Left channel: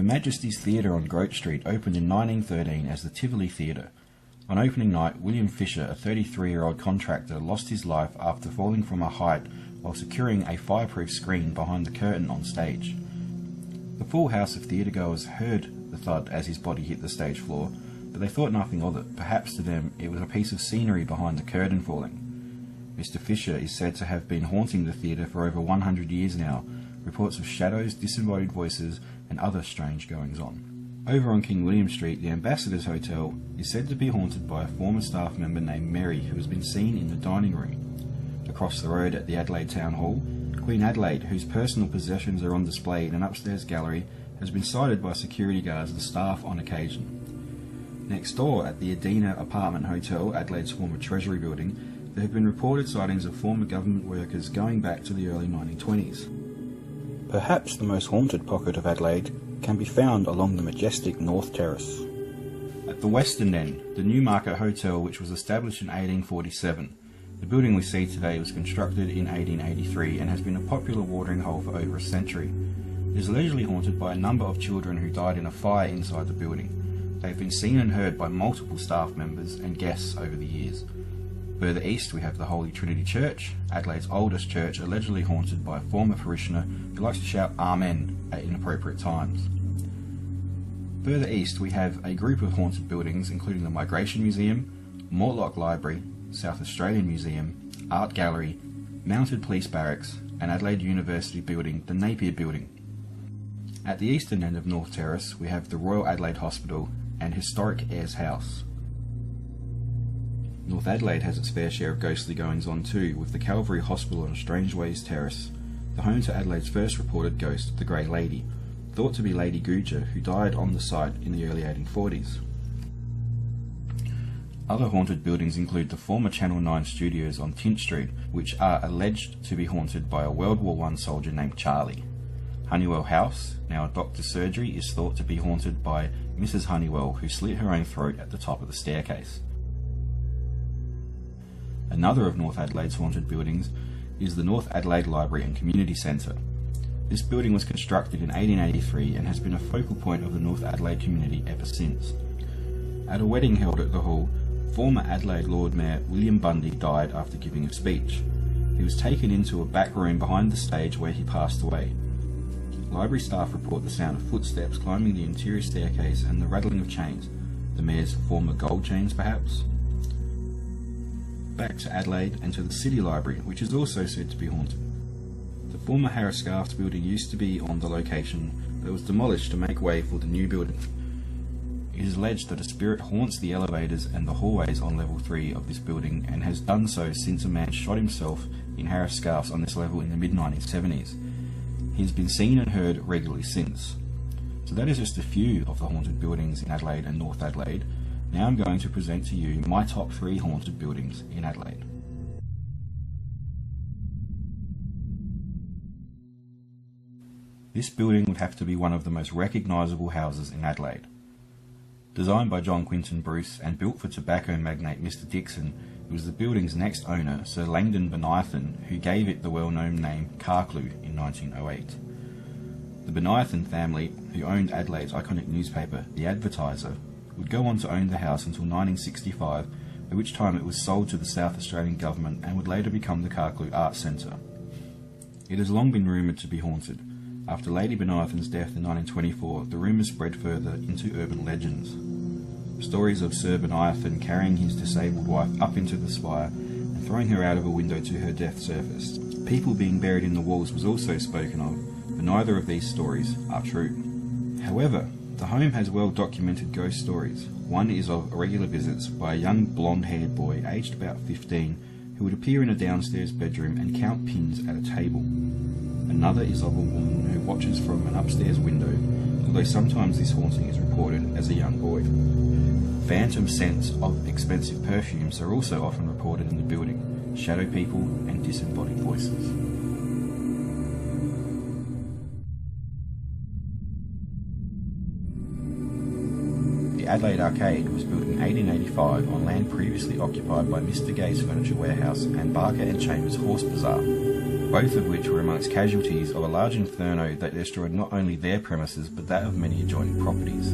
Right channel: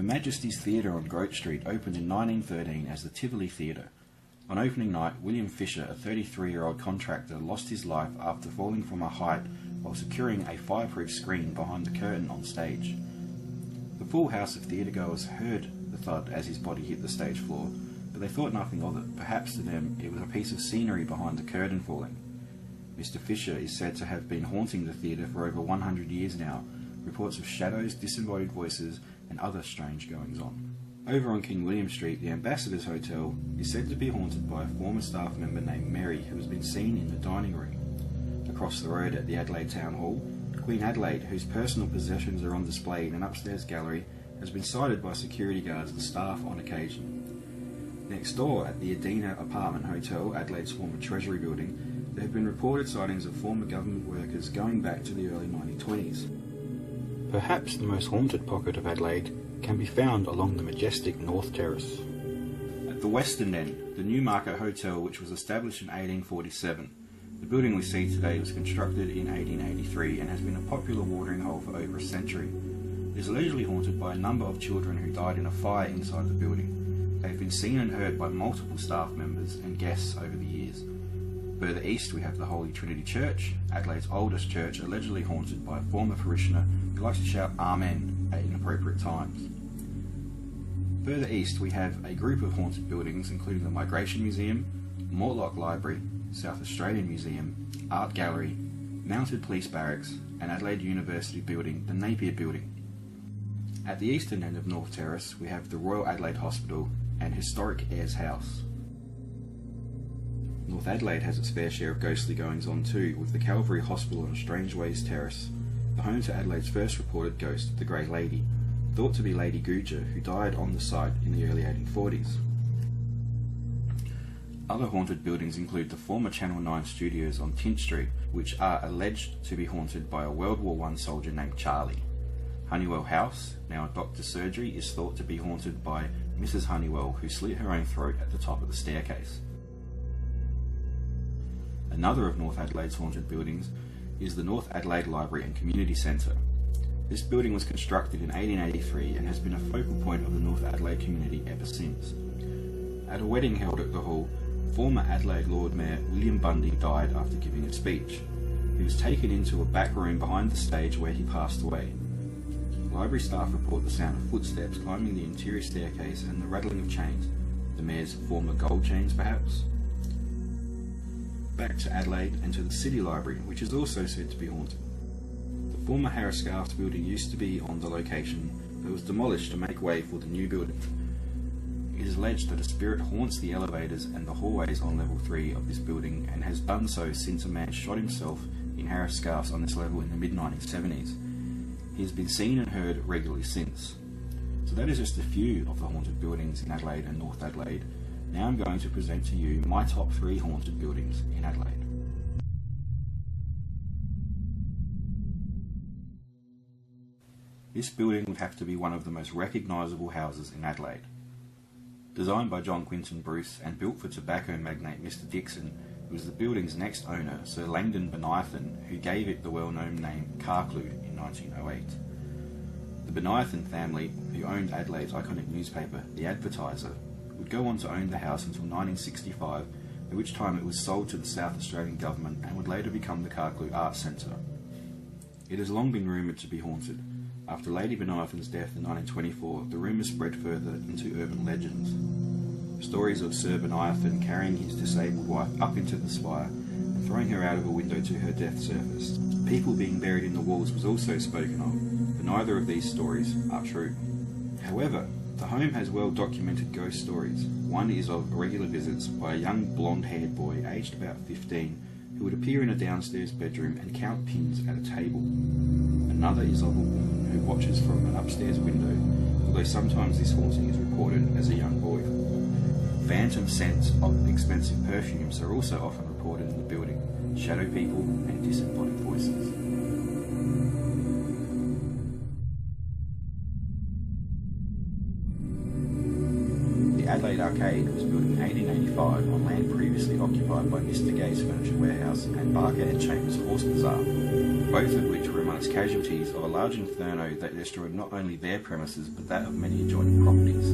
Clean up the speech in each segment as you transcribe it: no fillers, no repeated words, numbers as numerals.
Her Majesty's Theatre on Grote Street opened in 1913 as the Tivoli Theatre. On opening night, William Fisher, a 33-year-old contractor, lost his life after falling from a height while securing a fireproof screen behind the curtain on stage. The full house of theatregoers heard the thud as his body hit the stage floor, but they thought nothing of it. Perhaps to them it was a piece of scenery behind the curtain falling. Mr. Fisher is said to have been haunting the theatre for over 100 years now. Reports of shadows, disembodied voices, and other strange goings-on. Over on King William Street, the Ambassador's Hotel is said to be haunted by a former staff member named Mary, who has been seen in the dining room. Across the road at the Adelaide Town Hall, Queen Adelaide, whose personal possessions are on display in an upstairs gallery, has been sighted by security guards and staff on occasion. Next door, at the Adina Apartment Hotel, Adelaide's former Treasury building, there have been reported sightings of former government workers going back to the early 1920s. Perhaps the most haunted pocket of Adelaide can be found along the majestic North Terrace. At the western end, the Newmarket Hotel, which was established in 1847. The building we see today was constructed in 1883 and has been a popular watering hole for over a century. It is allegedly haunted by a number of children who died in a fire inside the building. They have been seen and heard by multiple staff members and guests over the years. Further east we have the Holy Trinity Church, Adelaide's oldest church, allegedly haunted by a former parishioner who likes to shout Amen at inappropriate times. Further east we have a group of haunted buildings including the Migration Museum, Mortlock Library, South Australian Museum, Art Gallery, Mounted Police Barracks and Adelaide University building, the Napier Building. At the eastern end of North Terrace we have the Royal Adelaide Hospital and historic Ayres House. North Adelaide has its fair share of ghostly goings-on too, with the Calvary Hospital on Strangeways Terrace, the home to Adelaide's first reported ghost, the Grey Lady, thought to be Lady Guja, who died on the site in the early 1840s. Other haunted buildings include the former Channel 9 studios on Tint Street, which are alleged to be haunted by a World War I soldier named Charlie. Honeywell House, now a doctor's surgery, is thought to be haunted by Mrs. Honeywell, who slit her own throat at the top of the staircase. Another of North Adelaide's haunted buildings is the North Adelaide Library and Community Centre. This building was constructed in 1883 and has been a focal point of the North Adelaide community ever since. At a wedding held at the hall, former Adelaide Lord Mayor William Bundy died after giving a speech. He was taken into a back room behind the stage where he passed away. Library staff report the sound of footsteps climbing the interior staircase and the rattling of chains, the mayor's former gold chains perhaps. Back to Adelaide and to the City Library, which is also said to be haunted. The former Harris Scarf's building used to be on the location, but was demolished to make way for the new building. It is alleged that a spirit haunts the elevators and the hallways on level 3 of this building and has done so since a man shot himself in Harris Scarf's on this level in the mid-1970s. He has been seen and heard regularly since. So that is just a few of the haunted buildings in Adelaide and North Adelaide. Now I'm going to present to you my top 3 haunted buildings in Adelaide. This building would have to be one of the most recognisable houses in Adelaide. Designed by John Quinton Bruce and built for tobacco magnate Mr. Dixon, it was the building's next owner, Sir Langdon Bonython, who gave it the well-known name Carclew in 1908. The Bonython family, who owned Adelaide's iconic newspaper, The Advertiser, would go on to own the house until 1965, at which time it was sold to the South Australian government and would later become the Carclew Arts Centre. It has long been rumoured to be haunted. After Lady Bonython's death in 1924, the rumours spread further into urban legends. Stories of Sir Bonython carrying his disabled wife up into the spire and throwing her out of a window to her death surfaced. People being buried in the walls was also spoken of, but neither of these stories are true. However, the home has well-documented ghost stories. One is of regular visits by a young blonde-haired boy aged about 15 who would appear in a downstairs bedroom and count pins at a table. Another is of a woman who watches from an upstairs window, although sometimes this haunting is reported as a young boy. Phantom scents of expensive perfumes are also often reported in the building, shadow people and disembodied voices. The Adelaide Arcade was built in 1885 on land previously occupied by Mr. Gay's Furniture Warehouse and Barker and Chambers Horse Bazaar. both of which were amongst casualties of a large inferno that destroyed not only their premises but that of many adjoining properties.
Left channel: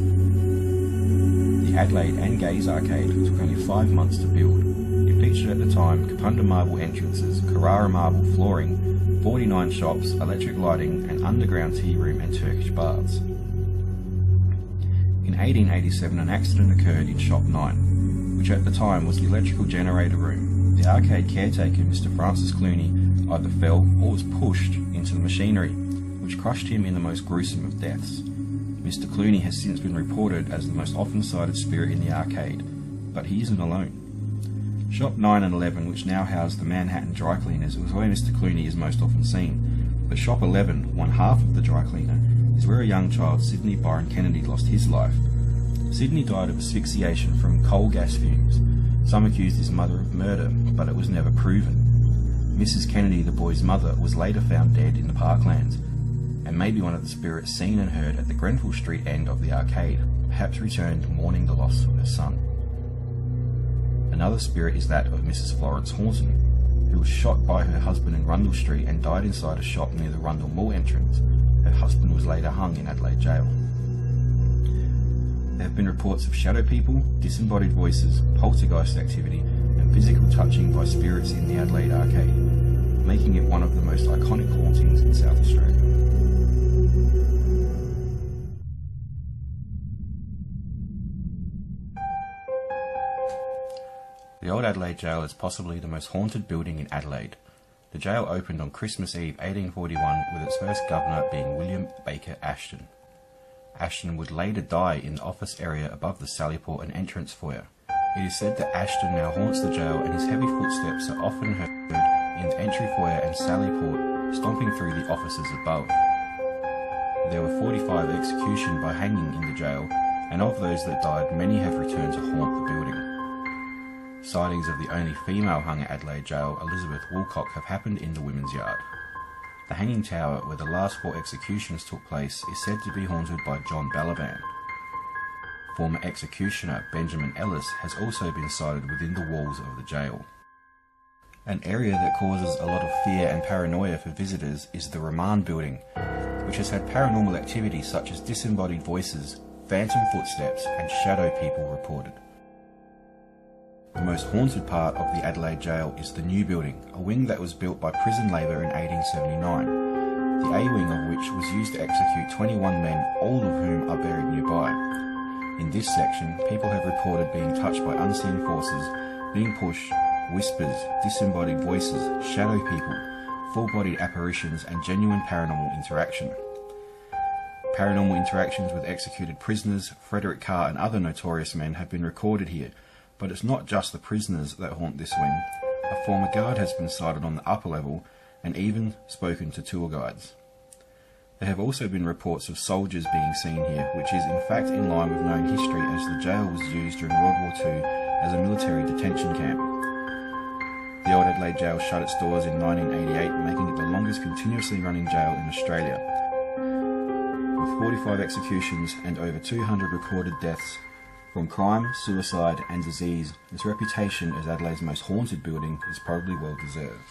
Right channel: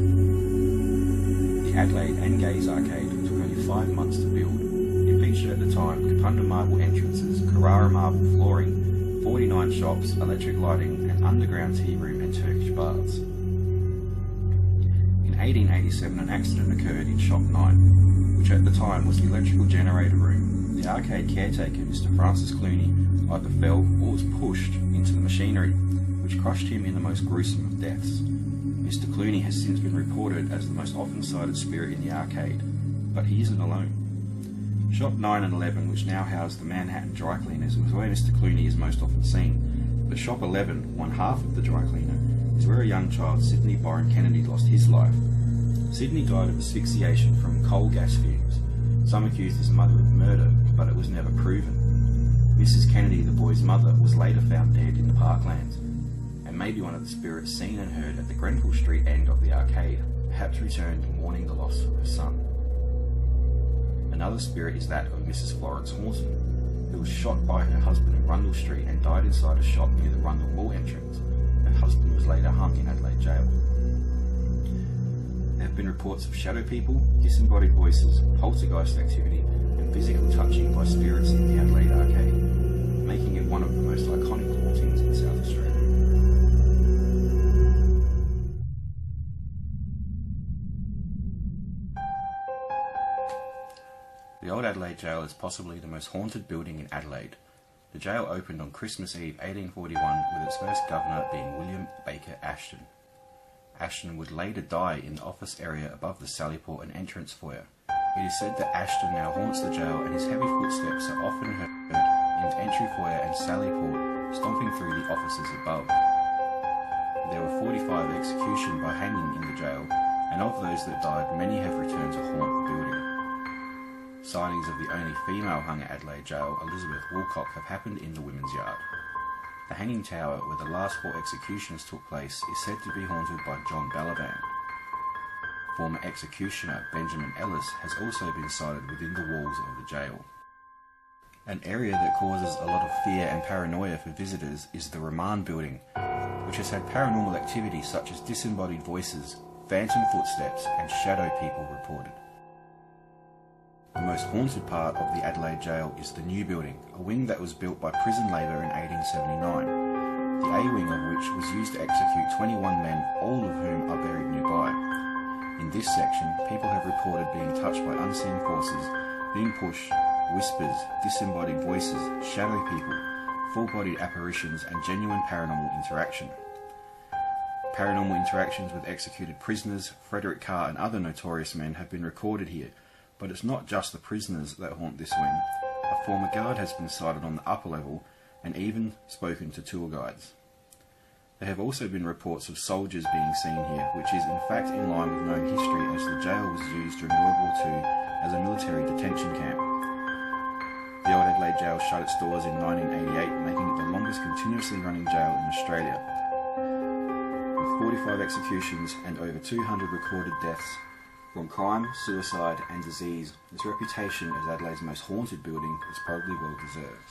The Adelaide and Gaze Arcade took only 5 months to build. It featured at the time Kapunda marble entrances, Carrara marble flooring, 49 shops, electric lighting, an underground tea room and Turkish baths. In 1887 an accident occurred in Shop 9, which at the time was the electrical generator room. The arcade caretaker, Mr. Francis Clooney, either fell or was pushed into the machinery, which crushed him in the most gruesome of deaths. Mr. Clooney has since been reported as the most often sighted spirit in the arcade, but he isn't alone. Shop 9 and 11, which now house the Manhattan dry cleaners, was where Mr. Clooney is most often seen, but Shop 11, one half of the dry cleaner, is where a young child, Sidney Byron Kennedy, lost his life. Sidney died of asphyxiation from coal gas fumes. Some accused his mother of murder, but it was never proven. Mrs. Kennedy, the boy's mother, was later found dead in the parklands, and may be one of the spirits seen and heard at the Grenfell Street end of the arcade, perhaps returned mourning the loss of her son. Another spirit is that of Mrs. Florence Horton, who was shot by her husband in Rundle Street and died inside a shop near the Rundle Mall entrance. Her husband was later hung in Adelaide Jail. There have been reports of shadow people, disembodied voices, poltergeist activity, and physical touching by spirits in the Adelaide Arcade, making it one of the most iconic hauntings in South Australia. The Old Adelaide Jail is possibly the most haunted building in Adelaide. The jail opened on Christmas Eve 1841 with its first governor being William Baker Ashton. Ashton would later die in the office area above the Sallyport and entrance foyer. It is said that Ashton now haunts the jail and his heavy footsteps are often heard in the entry foyer and Sallyport, stomping through the offices above. There were 45 executions by hanging in the jail, and of those that died, many have returned to haunt the building. Sightings of the only female hung at Adelaide Jail, Elizabeth Woolcock, have happened in the Women's Yard. The hanging tower, where the last 4 executions took place, is said to be haunted by John Balaban. Former executioner Benjamin Ellis has also been sighted within the walls of the jail. An area that causes a lot of fear and paranoia for visitors is the Remand building, which has had paranormal activity such as disembodied voices, phantom footsteps and shadow people reported. The most haunted part of the Adelaide Jail is the new building, a wing that was built by prison labour in 1879, the A wing of which was used to execute 21 men, all of whom are buried nearby. In this section, people have reported being touched by unseen forces, being pushed, whispers, disembodied voices, shadow people, full-bodied apparitions and genuine paranormal interaction. Paranormal interactions with executed prisoners, Frederick Carr and other notorious men have been recorded here, but it's not just the prisoners that haunt this wing. A former guard has been sighted on the upper level and even spoken to tour guides. There have also been reports of soldiers being seen here, which is in fact in line with known history as the jail was used during World War II as a military detention camp. The Old Adelaide Jail shut its doors in 1988, making it the longest continuously running jail in Australia. With 45 executions and over 200 recorded deaths from crime, suicide and disease, its reputation as Adelaide's most haunted building is probably well deserved.